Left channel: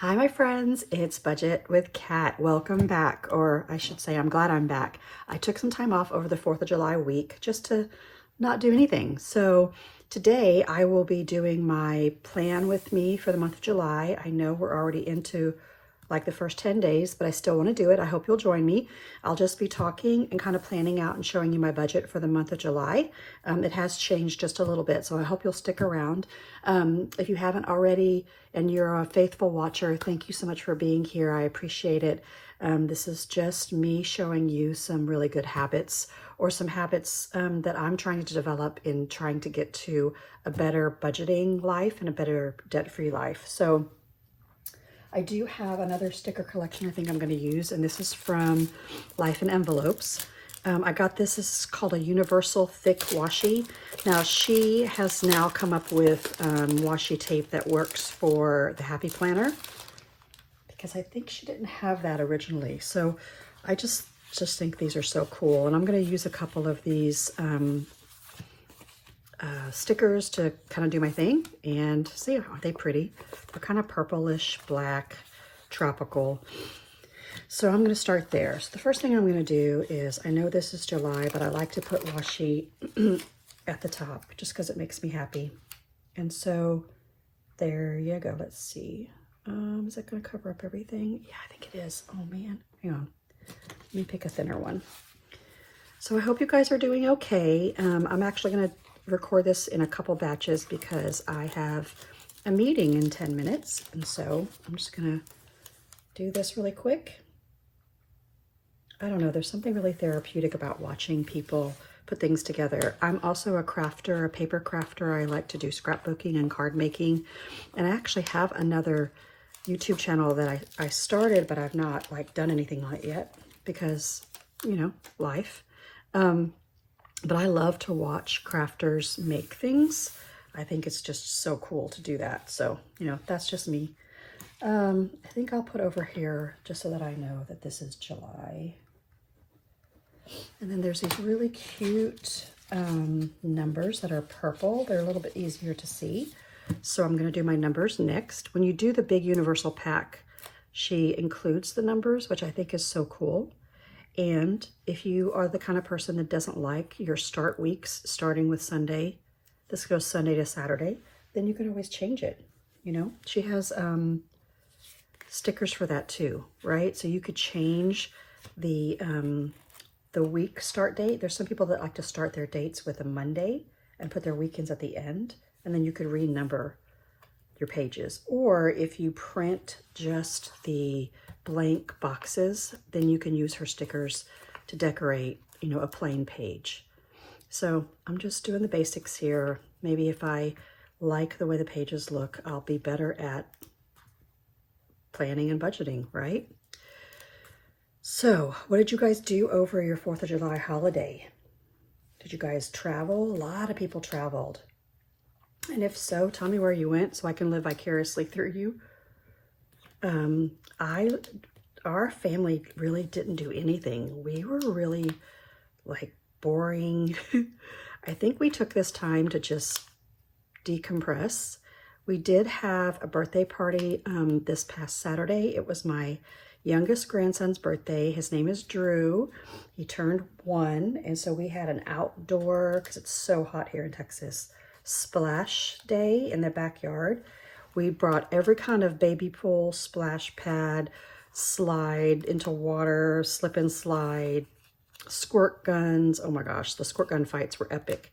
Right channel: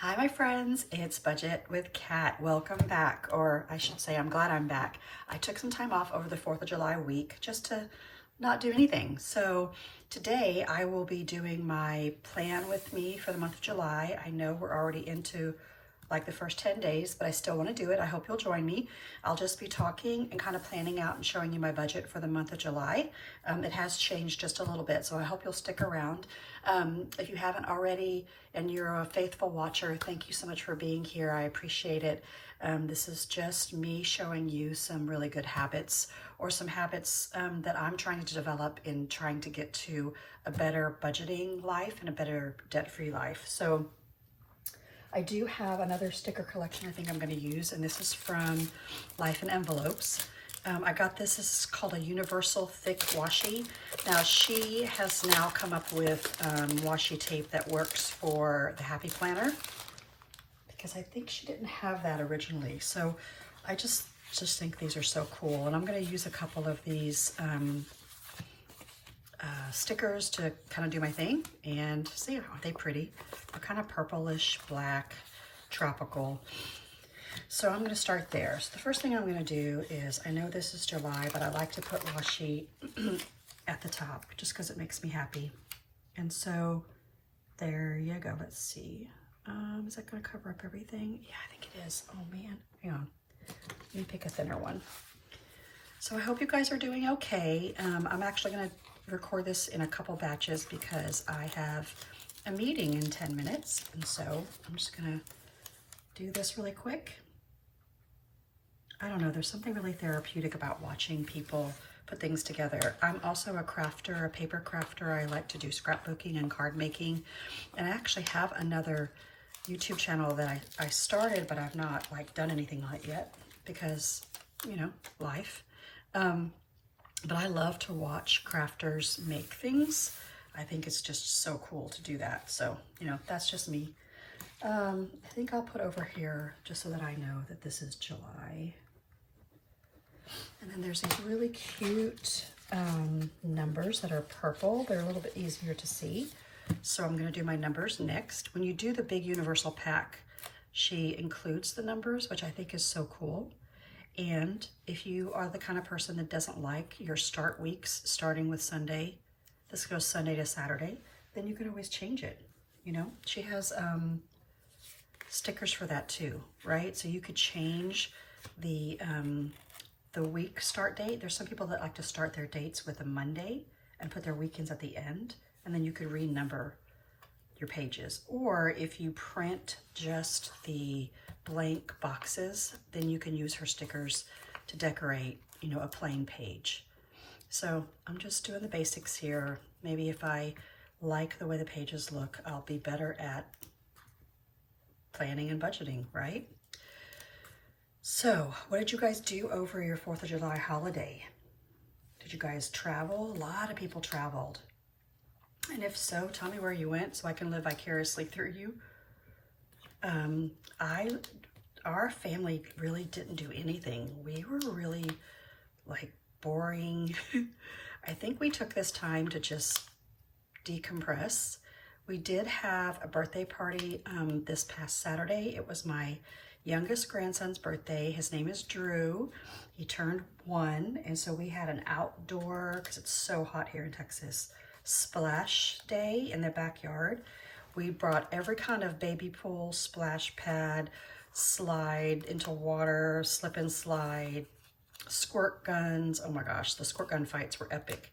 Hi, my friends. It's Budget with Kat. Welcome back, or I should say, I'm glad I'm back. I took some time off over the 4th of July week just to not do anything. So today I will be doing my plan with me for the month of July. I know we're already into like the first 10 days, but I still want to do it. I hope you'll join me. I'll just be talking and kind of planning out and showing you my budget for the month of July. It has changed just a little bit, so I hope you'll stick around. If you haven't already and you're a faithful watcher, thank you so much for being here. I appreciate it. This is just me showing you some really good habits or some habits that I'm trying to develop in trying to get to a better budgeting life and a better debt-free life. So I do have another sticker collection I think I'm going to use, and this is from Life in Envelopes. I got this is called a Universal Thick Washi. Now, she has now come up with washi tape that works for the Happy Planner, because I think she didn't have that originally. So I just think these are so cool, and I'm going to use a couple of these stickers to kind of do my thing. And see, aren't they pretty? They're kind of purplish, black, tropical. So I'm going to start there. So the first thing I'm going to do is, I know this is July, but I like to put washi at the top just because it makes me happy. And so there you go. Let's see. Is that going to cover up everything? Yeah, I think it is. Oh man, hang on. Let me pick a thinner one. So I hope you guys are doing okay. I'm actually going to record this in a couple batches because I have a meeting in 10 minutes. And so I'm just going to do this really quick. I don't know, there's something really therapeutic about watching people put things together. I'm also a crafter, a paper crafter. I like to do scrapbooking and card making. And I actually have another YouTube channel that I started, but I've not like done anything on it yet because, you know, life. But I love to watch crafters make things. I think it's just so cool to do that. So, you know, that's just me. I think I'll put over here just so that I know that this is July. And then there's these really cute numbers that are purple. They're a little bit easier to see. So I'm going to do my numbers next. When you do the big universal pack, she includes the numbers, which I think is so cool. And if you are the kind of person that doesn't like your start weeks starting with Sunday, this goes Sunday to Saturday, then you can always change it. You know, she has stickers for that too, right? So you could change the week start date. There's some people that like to start their dates with a Monday and put their weekends at the end, and then you could renumber your pages. Or if you print just the blank boxes, then you can use her stickers to decorate, you know, a plain page. So I'm just doing the basics here. Maybe if I like the way the pages look, I'll be better at planning and budgeting, right? So what did you guys do over your 4th of July holiday? Did you guys travel? A lot of people traveled. And if so, tell me where you went so I can live vicariously through you. Our family really didn't do anything. We were really like boring. I think we took this time to just decompress. We did have a birthday party this past Saturday. It was my youngest grandson's birthday. His name is Drew. He turned 1, and so we had an outdoor, because it's so hot here in Texas, splash day in the backyard. We brought every kind of baby pool, splash pad, slide into water, slip and slide, squirt guns. Oh my gosh, the squirt gun fights were epic.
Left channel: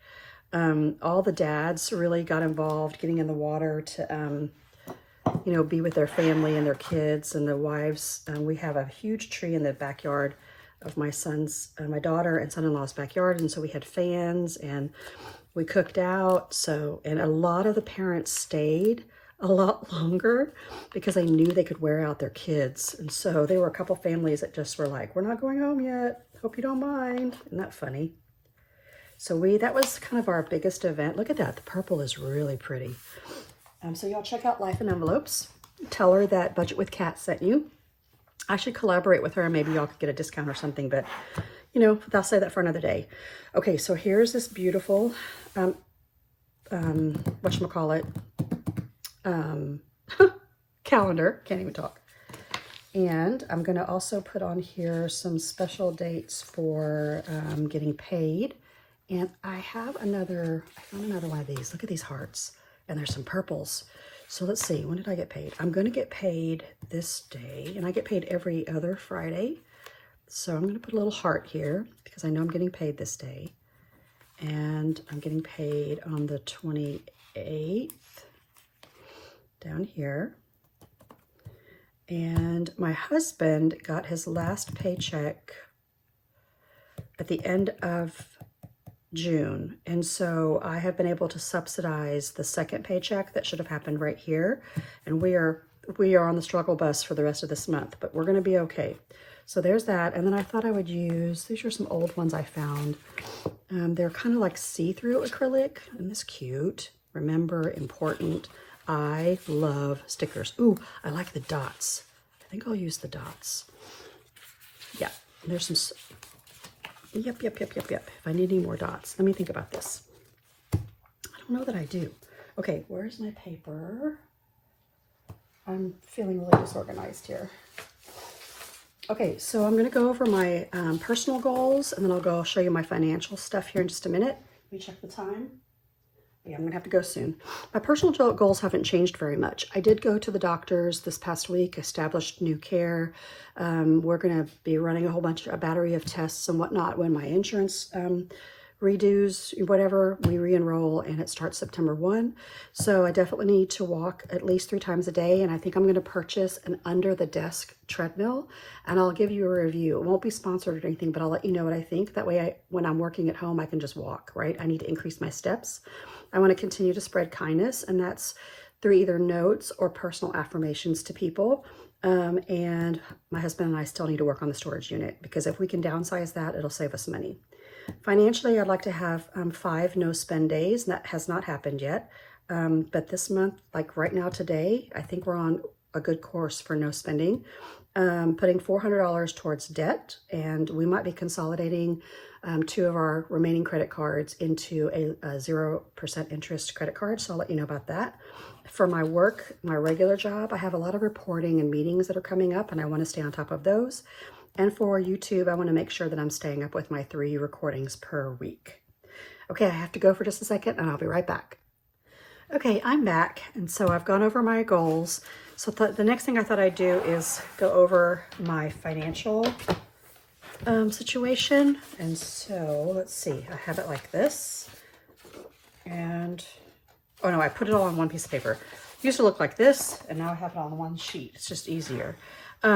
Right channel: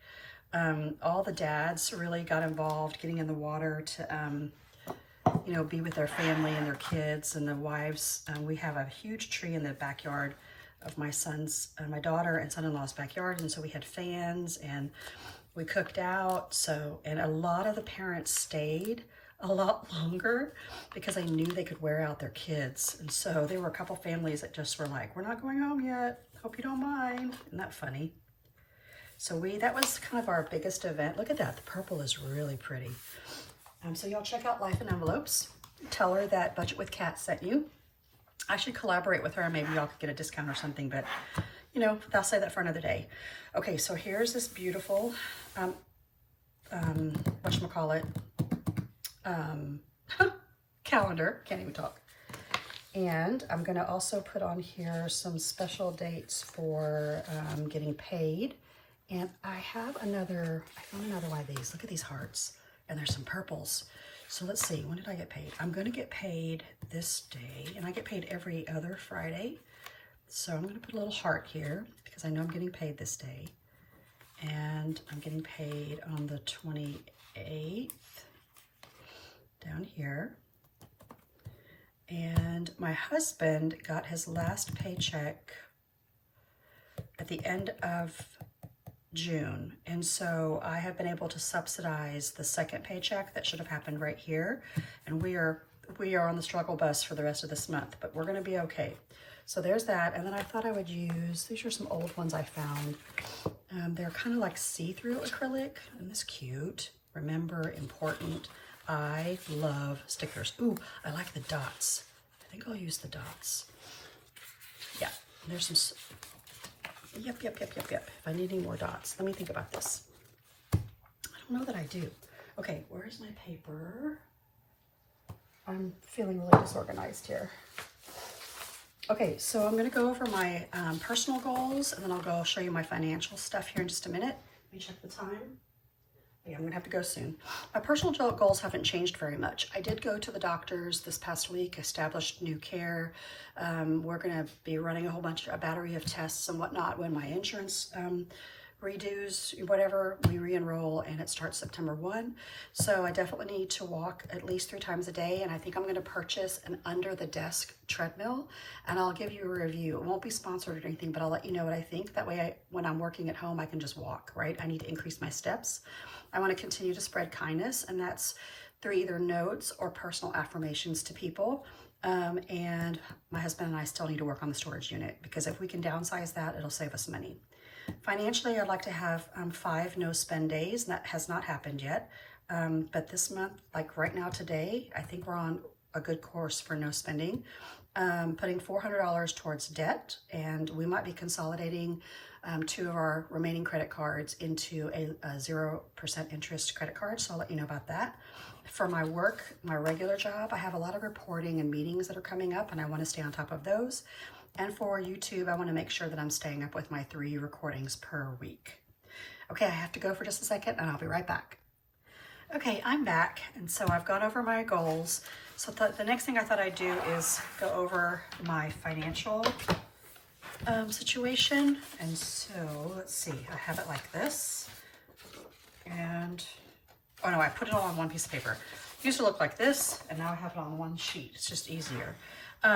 All the dads really got involved getting in the water to, you know, be with their family and their kids and the wives. We have a huge tree in the backyard of my daughter and son-in-law's backyard. And so we had fans and we cooked out. So, and a lot of the parents stayed a lot longer because they knew they could wear out their kids. And so there were a couple families that just were like, we're not going home yet. Hope you don't mind. Isn't that funny? So that was kind of our biggest event. Look at that. The purple is really pretty. So y'all check out Life in Envelopes. Tell her that Budget with Kat sent you. I should collaborate with her. Maybe y'all could get a discount or something, but you know, I'll say that for another day. Okay, so here's this beautiful, whatchamacallit, calendar. Can't even talk. And I'm going to also put on here some special dates for getting paid. And I found another one of these. Look at these hearts. And there's some purples. So let's see, when did I get paid? I'm going to get paid this day. And I get paid every other Friday. So I'm going to put a little heart here because I know I'm getting paid this day. And I'm getting paid on the 28th down here. And my husband got his last paycheck at the end of June. And so I have been able to subsidize the second paycheck that should have happened right here. And we are on the struggle bus for the rest of this month, but we're going to be okay. So there's that. And then I thought I would use, these are some old ones I found. They're kind of like see-through acrylic. Isn't this cute? Remember, important. I love stickers. Ooh, I like the dots. I think I'll use the dots. Yeah, there's some, yep. If I need any more dots, let me think about this. I don't know that I do. Okay, where's my paper? I'm feeling really disorganized here. Okay, so I'm gonna go over my personal goals, and then I'll go show you my financial stuff here in just a minute. Let me check the time. Yeah, I'm gonna have to go soon. My personal goals haven't changed very much. I did go to the doctors this past week, established new care. We're gonna be running a battery of tests and whatnot when my insurance redos, whatever, we re-enroll, and it starts September 1. So I definitely need to walk at least 3 times a day, and I think I'm gonna purchase an under-the-desk treadmill, and I'll give you a review. It won't be sponsored or anything, but I'll let you know what I think. That way, when I'm working at home, I can just walk, right? I need to increase my steps. I want to continue to spread kindness, and that's through either notes or personal affirmations to people. And my husband and I still need to work on the storage unit, because if we can downsize that, it'll save us money. Financially, I'd like to have 5 no-spend days. That has not happened yet. But this month, like right now today, I think we're on a good course for no spending. Putting $400 towards debt, and we might be consolidating 2 of our remaining credit cards into a 0% interest credit card. So I'll let you know about that. For my work, my regular job, I have a lot of reporting and meetings that are coming up, and I want to stay on top of those. And for YouTube, I want to make sure that I'm staying up with my 3 recordings per week. Okay, I have to go for just a second, and I'll be right back. Okay, I'm back, and so I've gone over my goals. So the next thing I thought I'd do is go over my financial situation. And so let's see, I have it like this, and oh no, I put it all on one piece of paper. It used to look like this, and now I have it on one sheet. It's just easier. I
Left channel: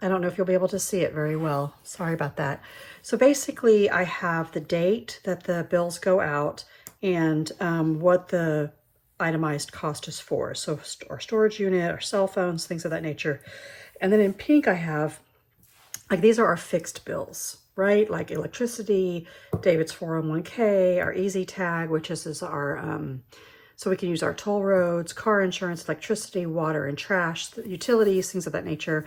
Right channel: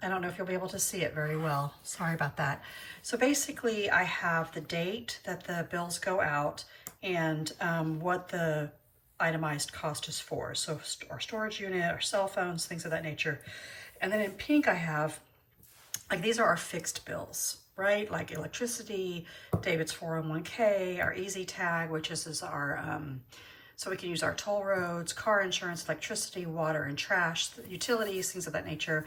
don't know if you'll be able to see it very well. Sorry about that. So basically, I have the date that the bills go out and what the itemized cost is for. So our storage unit, our cell phones, things of that nature. And then in pink, I have, like, these are our fixed bills, right? Like electricity, David's 401k, our easy tag, which is our, so we can use our toll roads, car insurance, electricity, water and trash, utilities, things of that nature.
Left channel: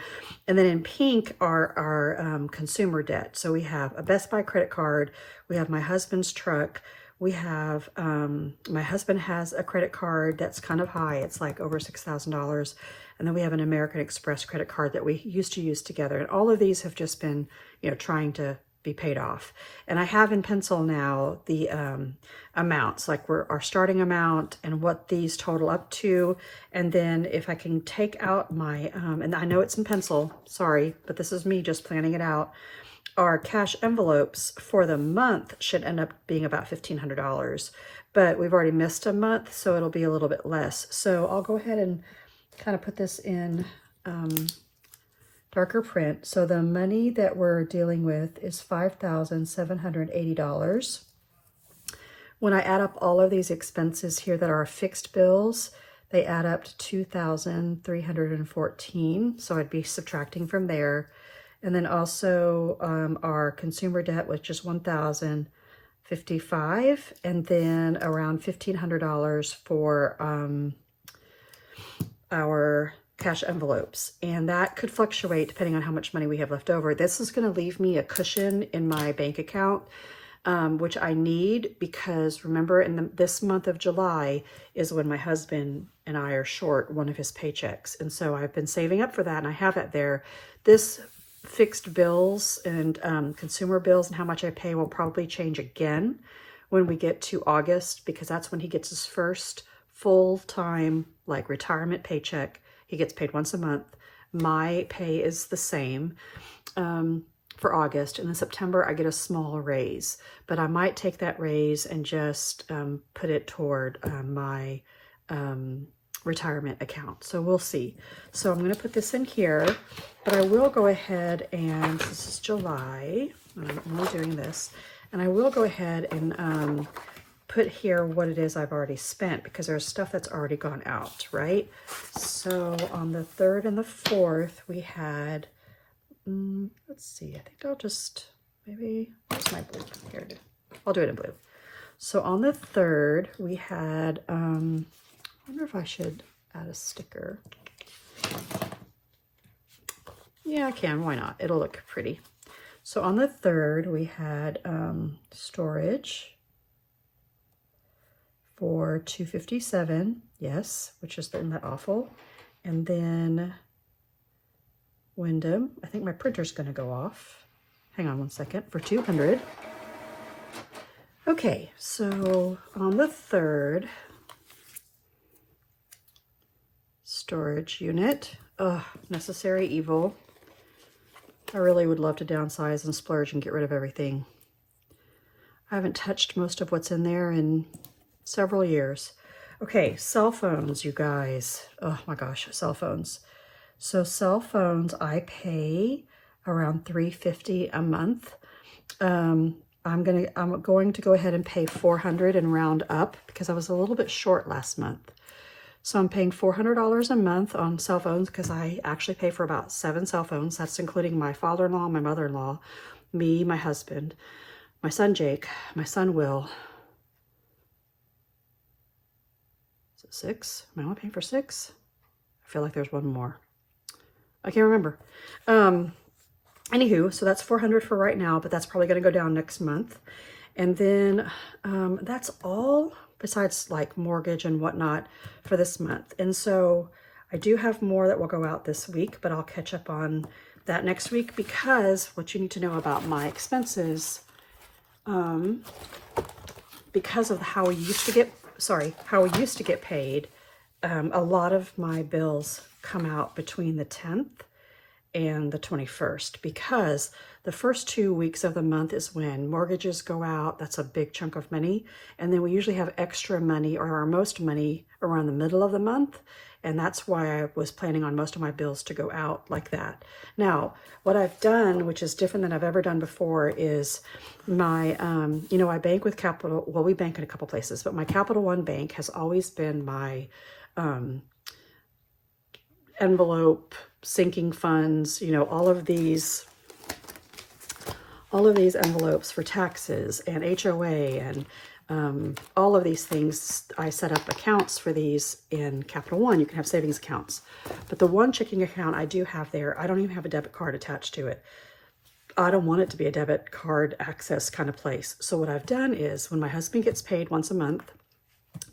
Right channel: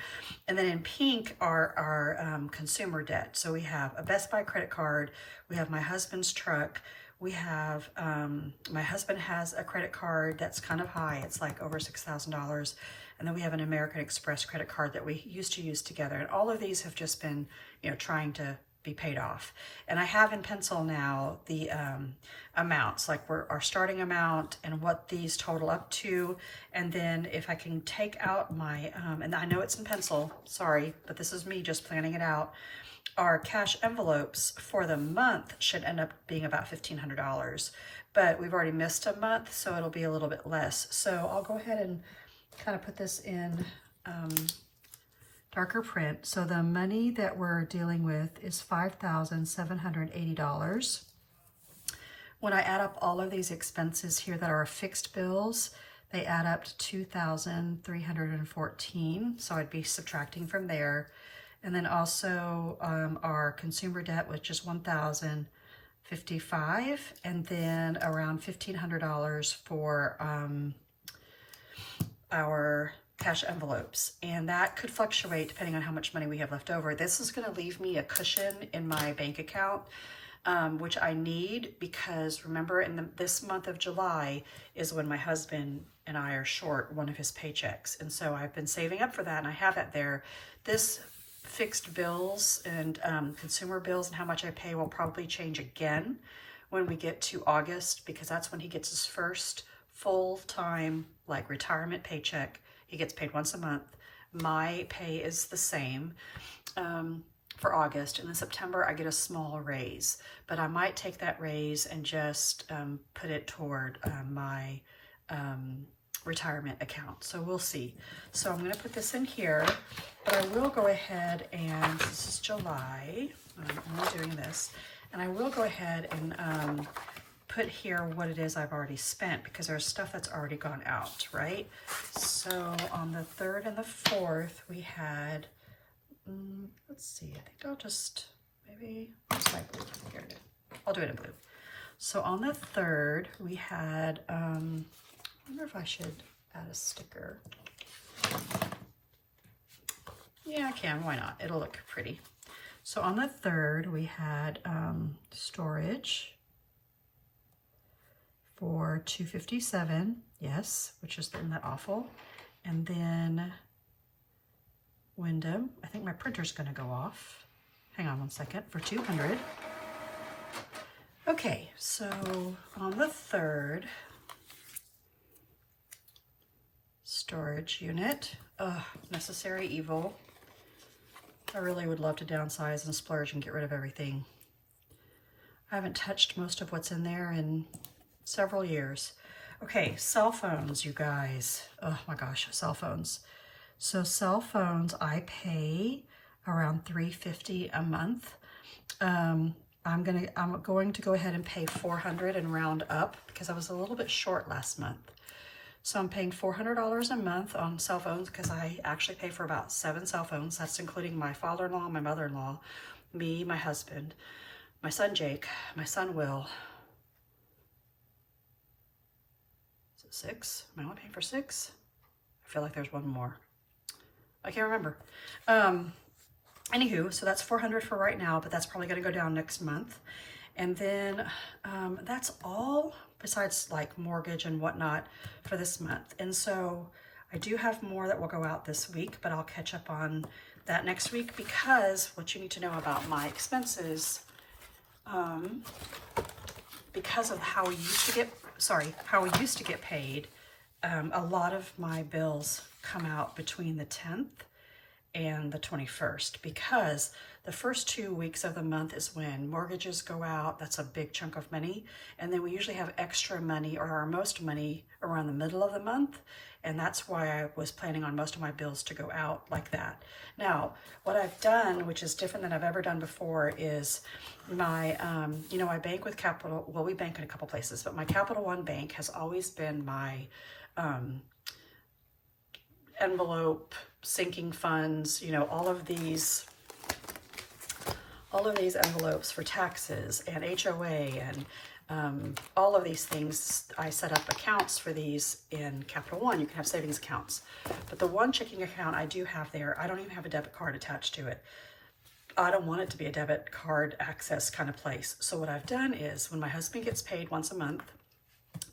And then in pink are our consumer debt. So we have a Best Buy credit card, we have my husband's truck, we have, my husband has a credit card that's kind of high. It's like over $6,000. And then we have an American Express credit card that we used to use together. And all of these have just been, you know, trying to be paid off. And I have in pencil now the amounts, like our starting amount and what these total up to. And then if I can take out my, and I know it's in pencil, sorry, but this is me just planning it out. Our cash envelopes for the month should end up being about $1,500, but we've already missed a month, so it'll be a little bit less. So I'll go ahead and kind of put this in darker print. So the money that we're dealing with is $5,780. When I add up all of these expenses here that are fixed bills, they add up to $2,314. So I'd be subtracting from there. And then also our consumer debt, which is $1,055, and then around $1,500 for our cash envelopes. And that could fluctuate depending on how much money we have left over. This is going to leave me a cushion in my bank account, which I need, because remember, this month of July is when my husband and I are short one of his paychecks. And so I've been saving up for that, and I have that there. This fixed bills and consumer bills and how much I pay will probably change again when we get to August, because that's when he gets his first full-time like retirement paycheck. He gets paid once a month. My pay is the same for August, and in September I get a small raise, but I might take that raise and just put it toward my retirement account. So we'll see. So I'm going to put this in here, but I will go ahead and, this is July, I'm only doing this, and I will go ahead and put here what it is I've already spent, because there's stuff that's already gone out, right? So on the 3rd and the 4th, we had, let's see, I think I'll just, maybe, where's my blue? Here it is. I'll do it in blue. So on the 3rd, we had, I wonder if I should add a sticker. Yeah, I can, why not? It'll look pretty. So on the 3rd, we had storage for $257, yes, which is isn't that awful. And then Wyndham, I think my printer's gonna go off. Hang on one second, for $200. Okay, so on the 3rd, storage unit, necessary evil. I really would love to downsize and splurge and get rid of everything. I haven't touched most of what's in there in several years. Okay, cell phones, you guys. Oh my gosh, cell phones. So cell phones, I pay around $350 a month. I'm going to go ahead and pay $400 and round up, because I was a little bit short last month. So I'm paying $400 a month on cell phones, because I actually pay for about 7 cell phones. That's including my father-in-law, my mother-in-law, me, my husband, my son Jake, my son Will. Is it 6? Am I only paying for 6? I feel like there's one more. I can't remember. Anywho, so that's $400 for right now, but that's probably going to go down next month. And then that's all besides like mortgage and whatnot for this month. And so I do have more that will go out this week, but I'll catch up on that next week, because what you need to know about my expenses, because of how we used to get paid, a lot of my bills come out between the 10th and the 21st, because the first 2 weeks of the month is when mortgages go out. That's a big chunk of money. And then we usually have extra money, or our most money, around the middle of the month. And that's why I was planning on most of my bills to go out like that. Now, what I've done, which is different than I've ever done before, is my, I bank with Capital, well, we bank in a couple places, but my Capital One bank has always been my envelope, sinking funds, all of these envelopes for taxes and HOA and all of these things. I set up accounts for these in Capital One. You can have savings accounts, but the one checking account I do have there, I don't even have a debit card attached to it. I don't want it to be a debit card access kind of place. So what I've done is, when my husband gets paid once a month,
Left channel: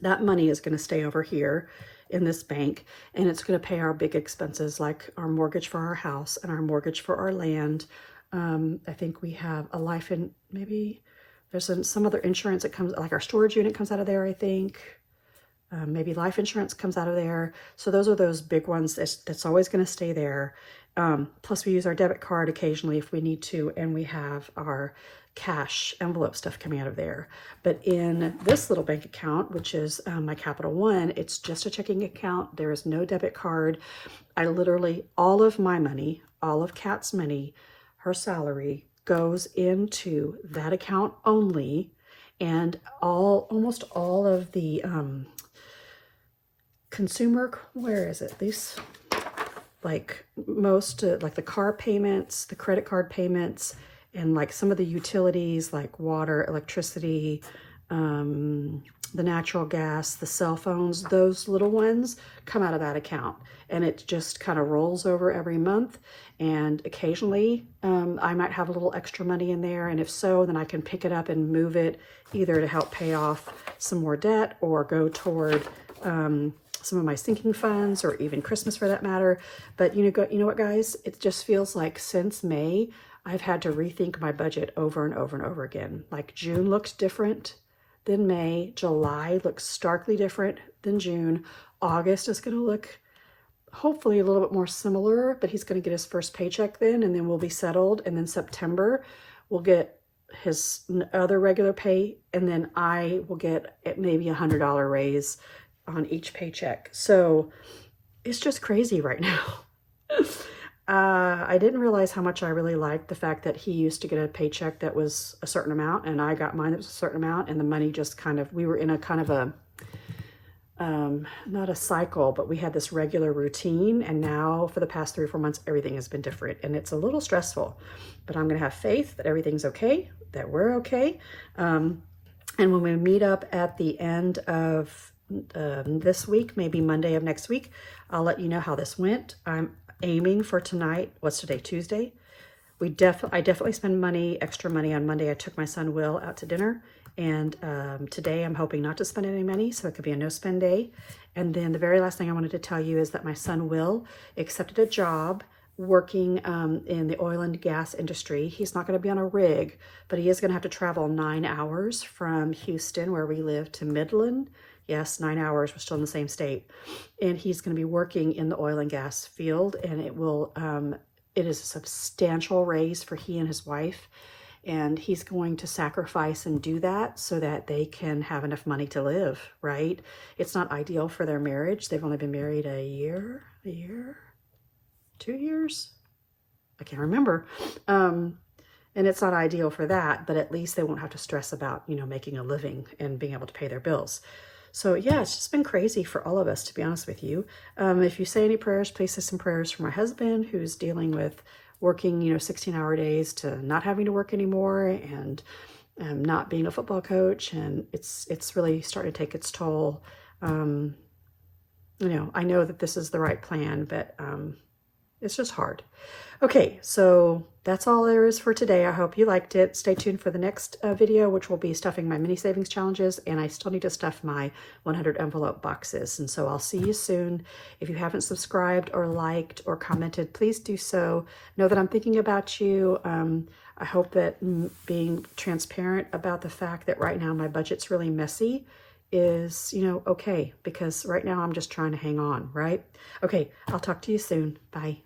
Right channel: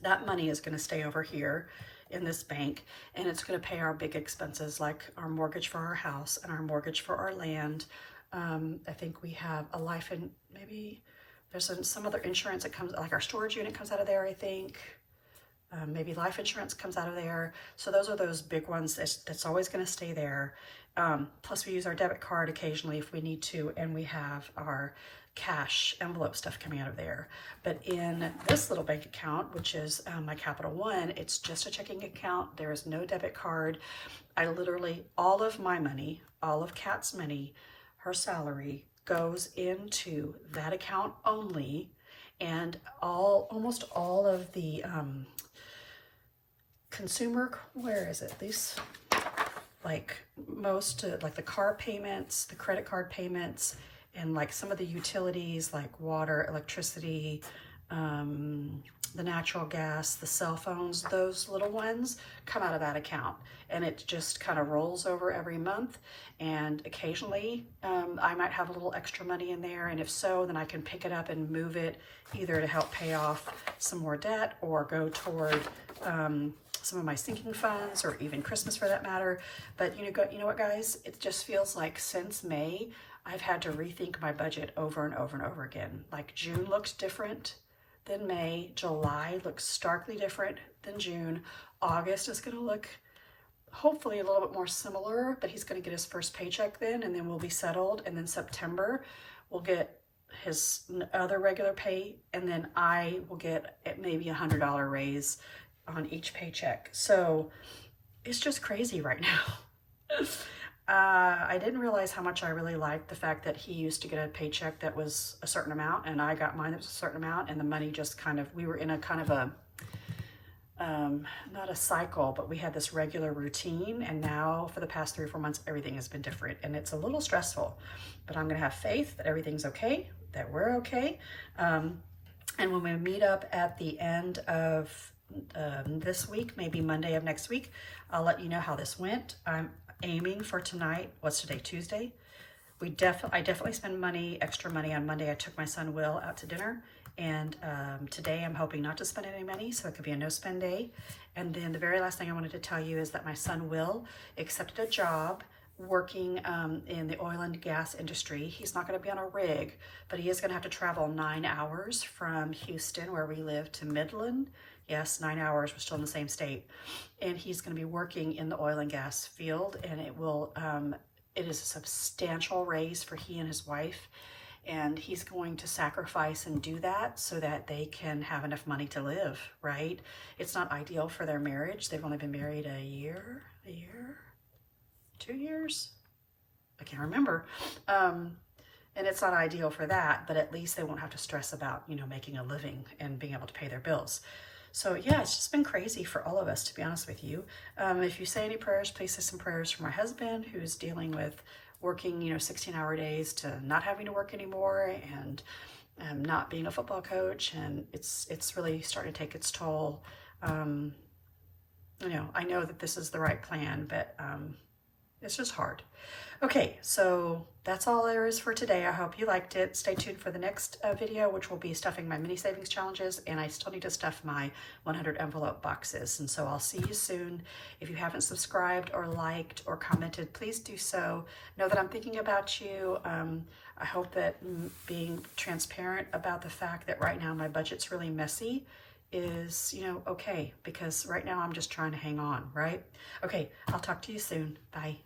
that money is going to stay over here in this bank, and it's going to pay our big expenses, like our mortgage for our house and our mortgage for our land. I think we have a life, and maybe there's some other insurance that comes, like our storage unit comes out of there, I think. Maybe life insurance comes out of there. So those are those big ones that's always going to stay there. Plus we use our debit card occasionally if we need to, and we have our cash envelope stuff coming out of there. But in this little bank account, which is my Capital One, it's just a checking account. There is no debit card. I literally, all of my money, all of Kat's money, her salary goes into that account only, and almost all of the consumer, where is it? These, like most, like the car payments, the credit card payments, and like some of the utilities like water, electricity, the natural gas, the cell phones, those little ones come out of that account. And it just kind of rolls over every month. And occasionally I might have a little extra money in there, and if so, then I can pick it up and move it either to help pay off some more debt or go toward some of my sinking funds, or even Christmas for that matter. But you know what, guys? It just feels like since May, I've had to rethink my budget over and over and over again. Like June looked different than May. July looks starkly different than June. August is going to look hopefully a little bit more similar, but he's going to get his first paycheck then, and then we'll be settled. And then September, we'll get his other regular pay, and then I will get maybe $100 raise on each paycheck. So it's just crazy right now. I didn't realize how much I really liked the fact that he used to get a paycheck that was a certain amount, and I got mine that was a certain amount, and the money just kind of, we were in a kind of a, not a cycle, but we had this regular routine. And now for the past 3 or 4 months, everything has been different, and it's a little stressful, but I'm going to have faith that everything's okay, that we're okay. And when we meet up at the end of this week, maybe Monday of next week, I'll let you know how this went. I'm aiming for tonight. What's today? Tuesday. I definitely spend money, extra money on Monday. I took my son Will out to dinner, and today I'm hoping not to spend any money, so it could be a no spend day. And then the very last thing I wanted to tell you is that my son Will accepted a job working in the oil and gas industry. He's not going to be on a rig, but he is going to have to travel 9 hours from Houston, where we live, to Midland. Yes, 9 hours. We're still in the same state. And he's going to be working in the oil and gas field, and it is a substantial raise for he and his wife. And he's going to sacrifice and do that so that they can have enough money to live, right? It's not ideal for their marriage. They've only been married a year, 2 years? I can't remember. And it's not ideal for that, but at least they won't have to stress about, making a living and being able to pay their bills. So yeah, it's just been crazy for all of us, to be honest with you. If you say any prayers, please say some prayers for my husband, who's dealing with working, 16-hour days to not having to work anymore, and not being a football coach. And it's really starting to take its toll. I know that this is the right plan, but it's just hard. Okay, so that's all there is for today. I hope you liked it. Stay tuned for the next video, which will be stuffing my mini savings challenges, and I still need to stuff my 100 envelope boxes. And so I'll see you soon. If you haven't subscribed or liked or commented, please do so. Know that I'm thinking about you. I hope that being transparent about the fact that right now my budget's really messy is, okay, because right now I'm just trying to hang on, right? Okay, I'll talk to you soon. Bye.